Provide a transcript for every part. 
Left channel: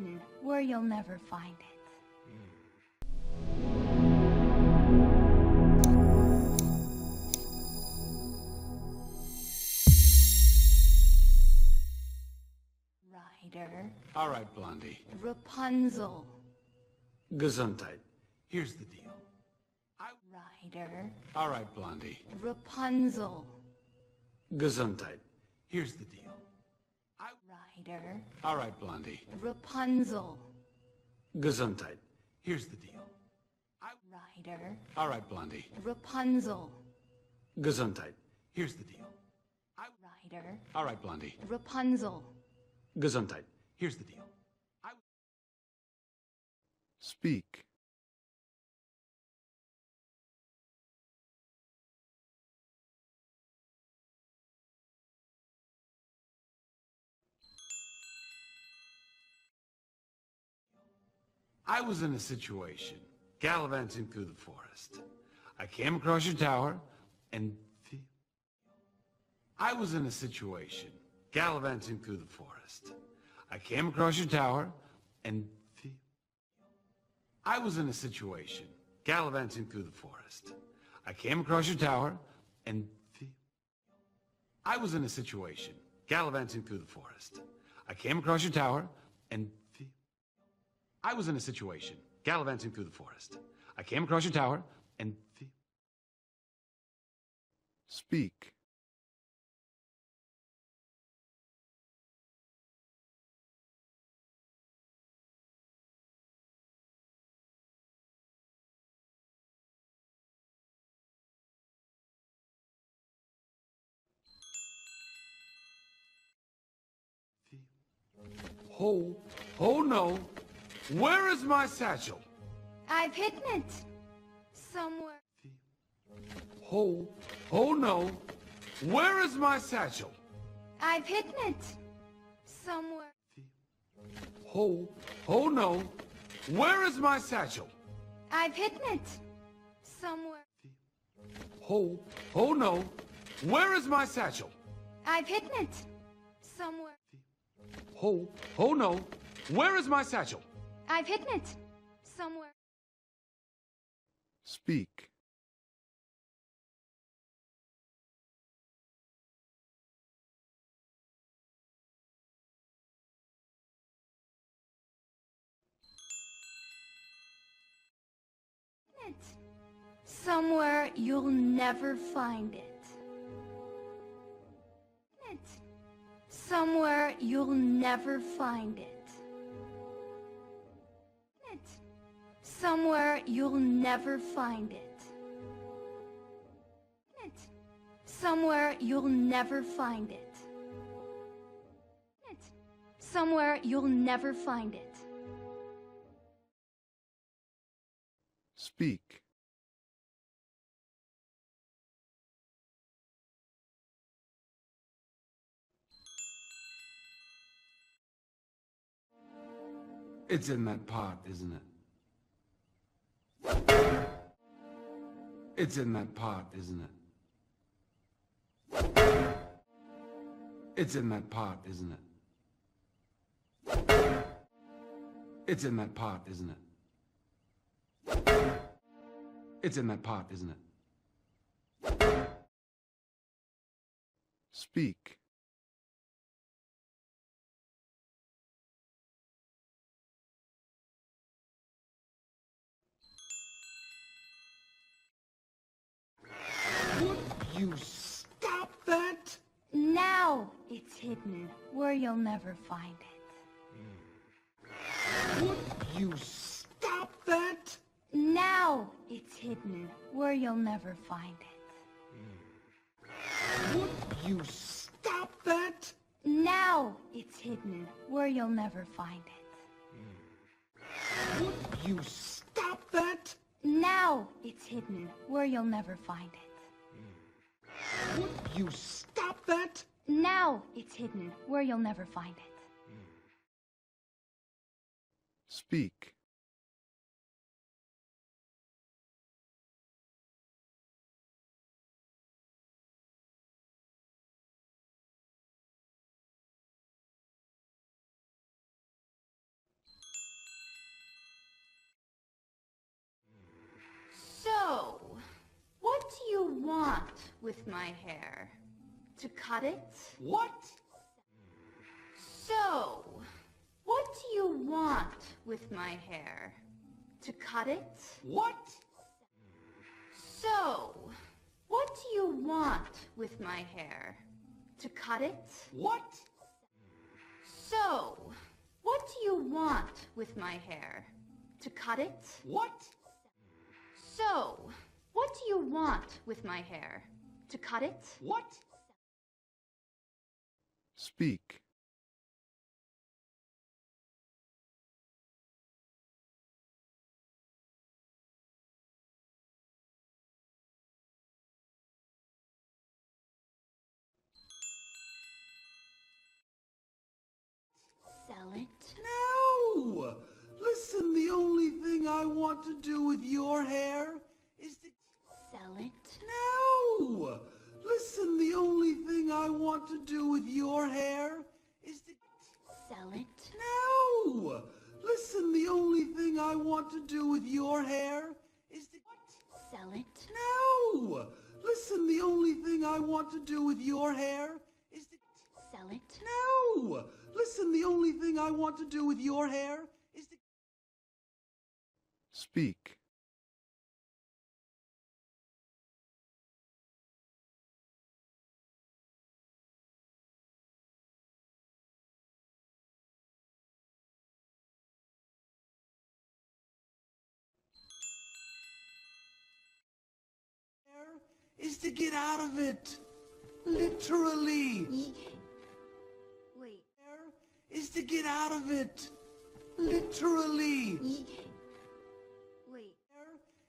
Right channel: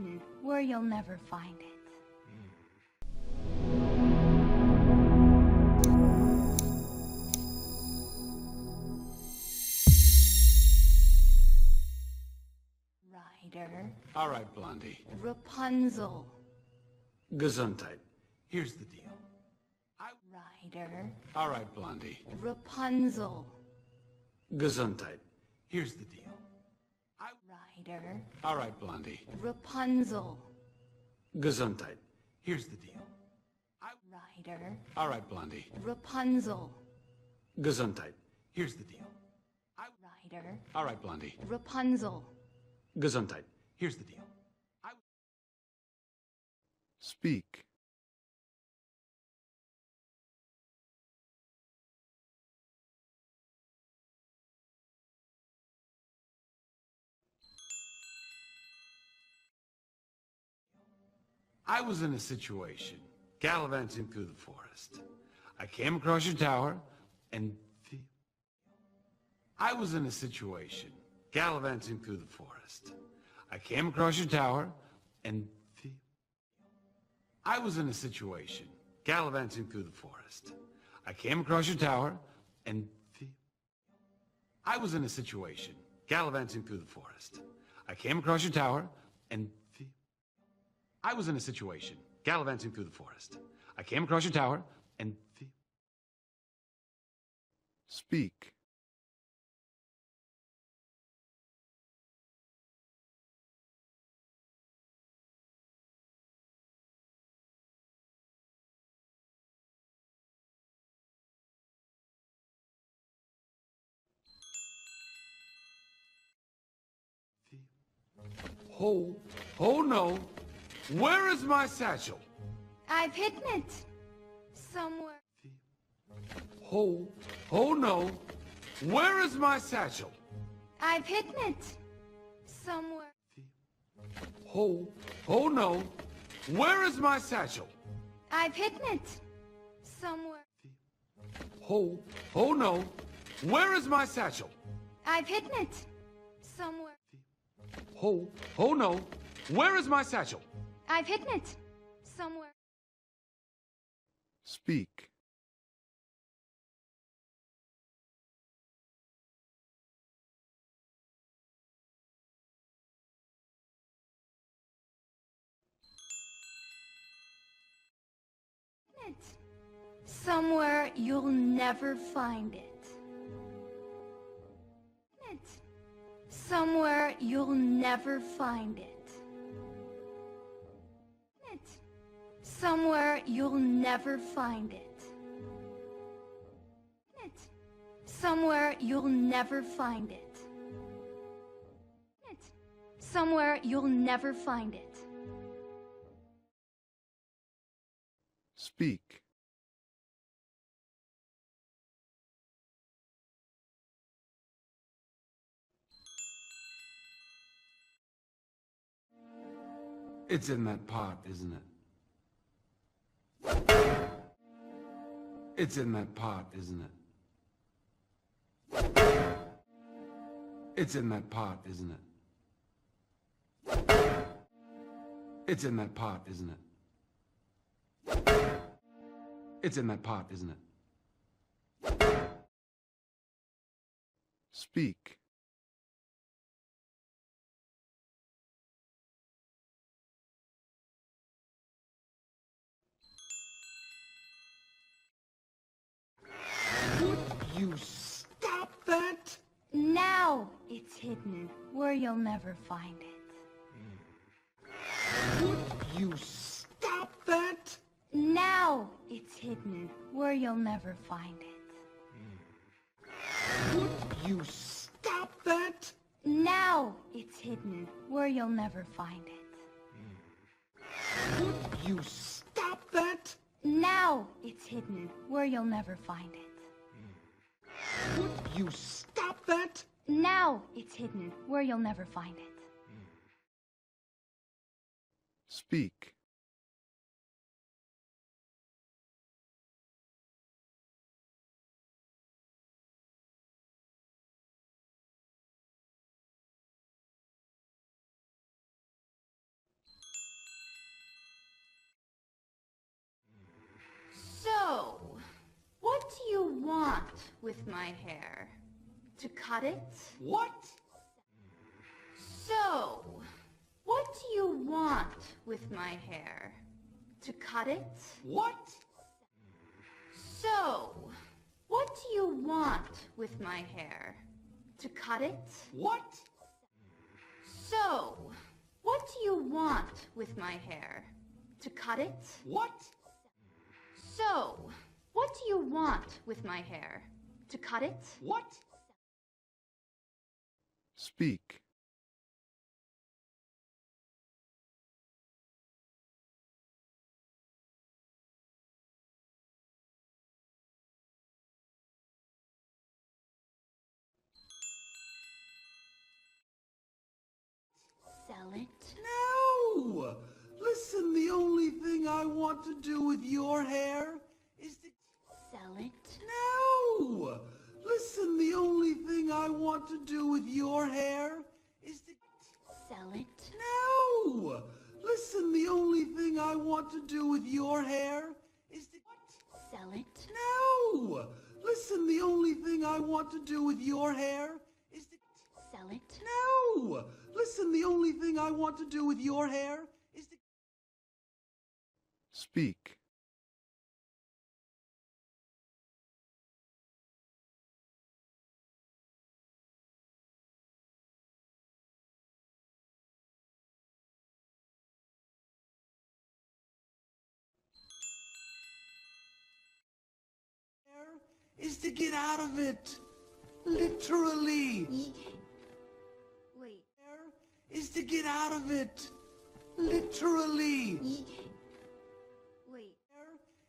hidden where you'll never find it. Ryder. All right, Blondie. Rapunzel. Gesundheit. Here's the deal. Ryder. All right, Blondie. Rapunzel. Gesundheit. Here's the deal. Ryder. All right, Blondie. Rapunzel. Gesundheit. Here's the deal. Ryder. All right, Blondie. Rapunzel. Gesundheit. Here's the deal. Ryder. All right, Blondie. Rapunzel. Gesundheit. Here's the deal. Speak. I was in a situation, gallivanting through the forest. I came across your tower, and I was in a situation, gallivanting through the forest. I came across your tower, and I was in a situation, gallivanting through the forest. I came across your tower, and I was in a situation, gallivanting through the forest. I came across your tower, and I was in a situation, gallivanting through the forest. I came across your tower, and Speak. oh no, where is my satchel? I've hidden it. Somewhere. Oh no, where is my satchel? I've hidden it. Somewhere. Oh no, where is my satchel? I've hidden it. Somewhere. Oh no, where is my satchel? I've hidden it. Somewhere. Oh no, where is my satchel? I've hidden it. Somewhere. Speak. Somewhere you'll never find it. Somewhere you'll never find it. Somewhere you'll never find it. Somewhere you'll never find it. Somewhere you'll never find it. Speak. It's in that pot, isn't it? It's in that pot, isn't it? It's in that pot, isn't it? It's in that pot, isn't it? It's in that pot, isn't it? Speak. You stop that? Now it's hidden where you'll never find it. Would you stop that? Now it's hidden where you'll never find it. Would you stop that? Now it's hidden where you'll never find it. Would you stop that? Now it's hidden where you'll never find it. Would you stop that? Now it's hidden where you'll never find it. Speak. cut it? What? So, what do you want with my hair? To cut it? What? So, what do you want with my hair? To cut it? What? So, what do you want with my hair? To cut it? What? So, what do you want with my hair? To cut it? What? Speak. Sell it? No! Listen, the only thing I want to do with your hair is to... Sell it? No! Listen, the only thing I want to do with your hair is to... Sell it? No! Listen, the only thing I want to do with your hair is to... Sell it? No! Listen, the only thing I want to do with your hair is to... Sell it? No! Listen, the only thing I want to do with your hair is to... Speak. Is to get out of it. Literally. Wait. Is to get out of it. Literally. Wait.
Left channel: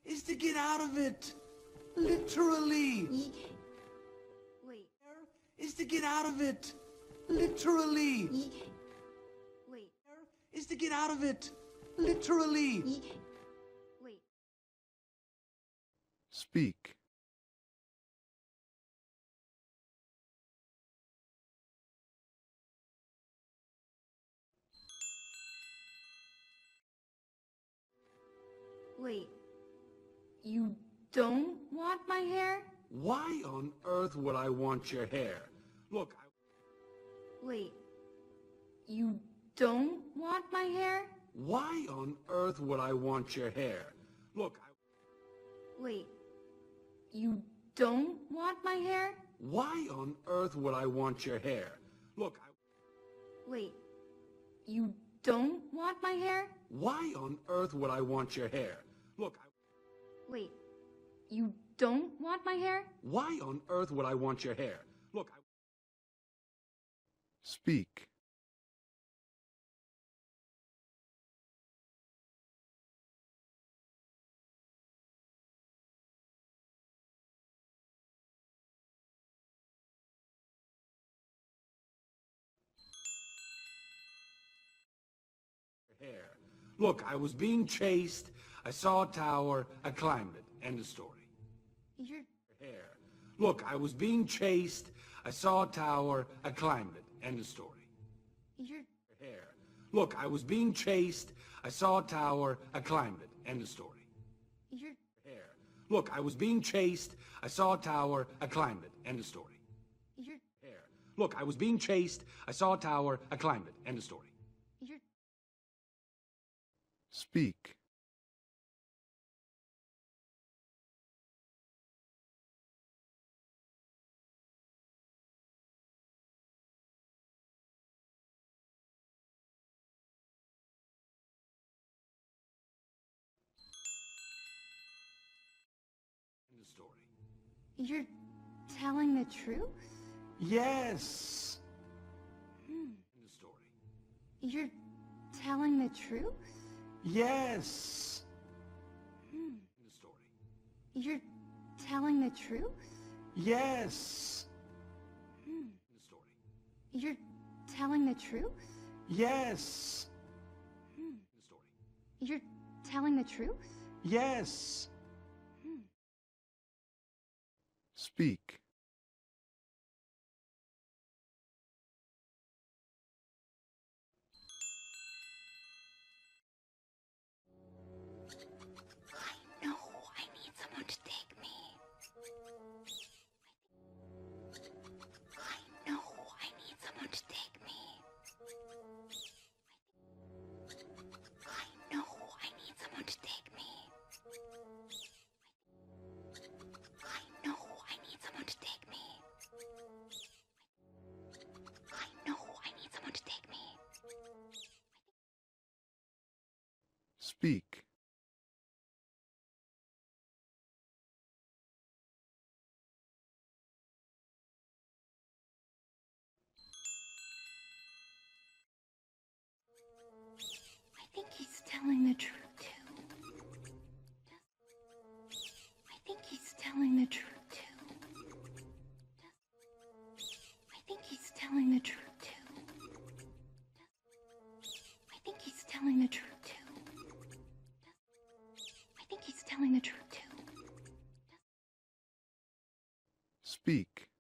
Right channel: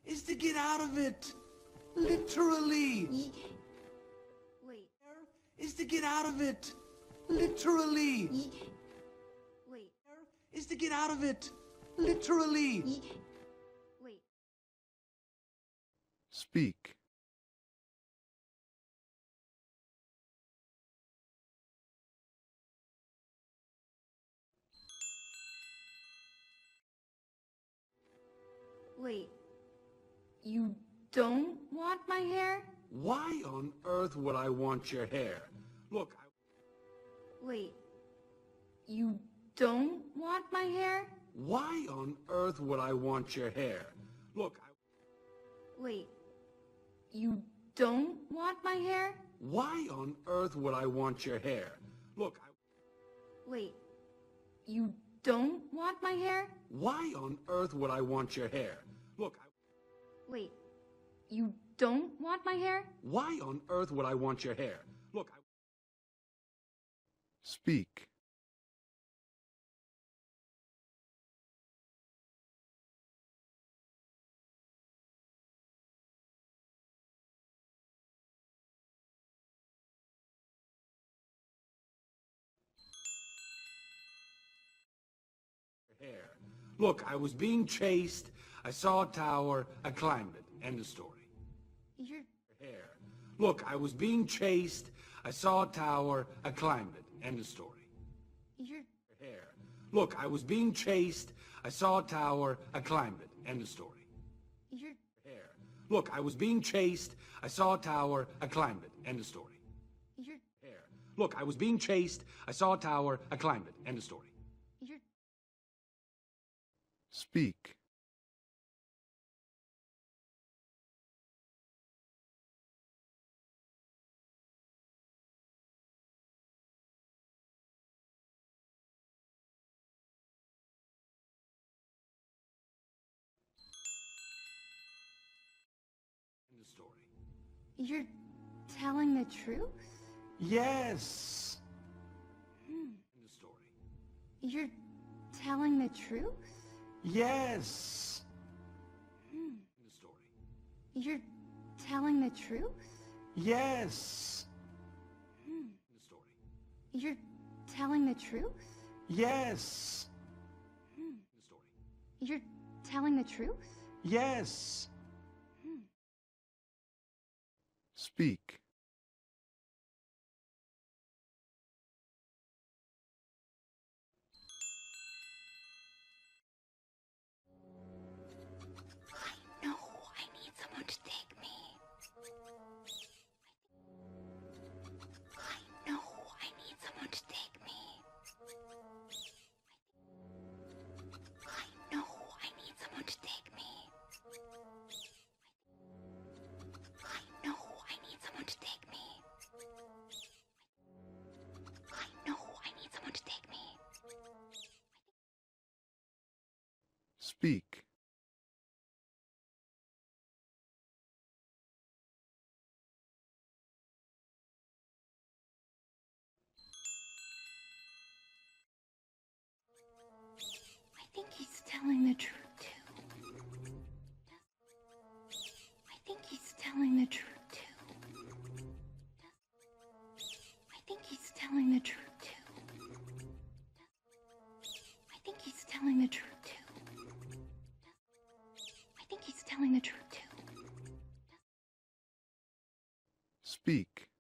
Is to get out of it. Literally. Wait. Is to get out of it. Literally. Wait. Is to get out of it. Literally. Wait. Speak. Wait. You don't want my hair? Why on earth would I want your hair? Look, Wait. You don't want my hair? why on earth would I want your hair? Look, Wait. You don't want my hair? why on earth would I want your hair? Look, Wait. You don't want my hair? why on earth would I want your hair? Look, Wait. You don't want my hair? why on earth would I want your hair? Look, Speak. hair. Look, I was being chased. I saw a tower. I climbed it. End of story. You're... Hair. Look, I was being chased. I saw a tower. I climbed it. End of story. You're... Hair. Look, I was being chased. I saw a tower. I climbed it. End of story. You're... Hair. Look, I was being chased. I saw a tower. I climbed it. End of story. You're... Hair. Look, I was being chased. I saw a tower. I climbed it. End of story. You're... Speak. End of story. You're telling the truth? Yes. End of story. You're telling the truth? Yes. End of story. You're telling the truth? Yes. End of story. You're telling the truth? Yes. End of story. You're telling the truth? Yes. Speak. I know. I need someone to take me. I Speak. I think he's telling the truth, too. I think he's telling the truth, too. I think he's telling the truth, too. I think he's telling the truth, too. I think he's telling the truth, too. Speak.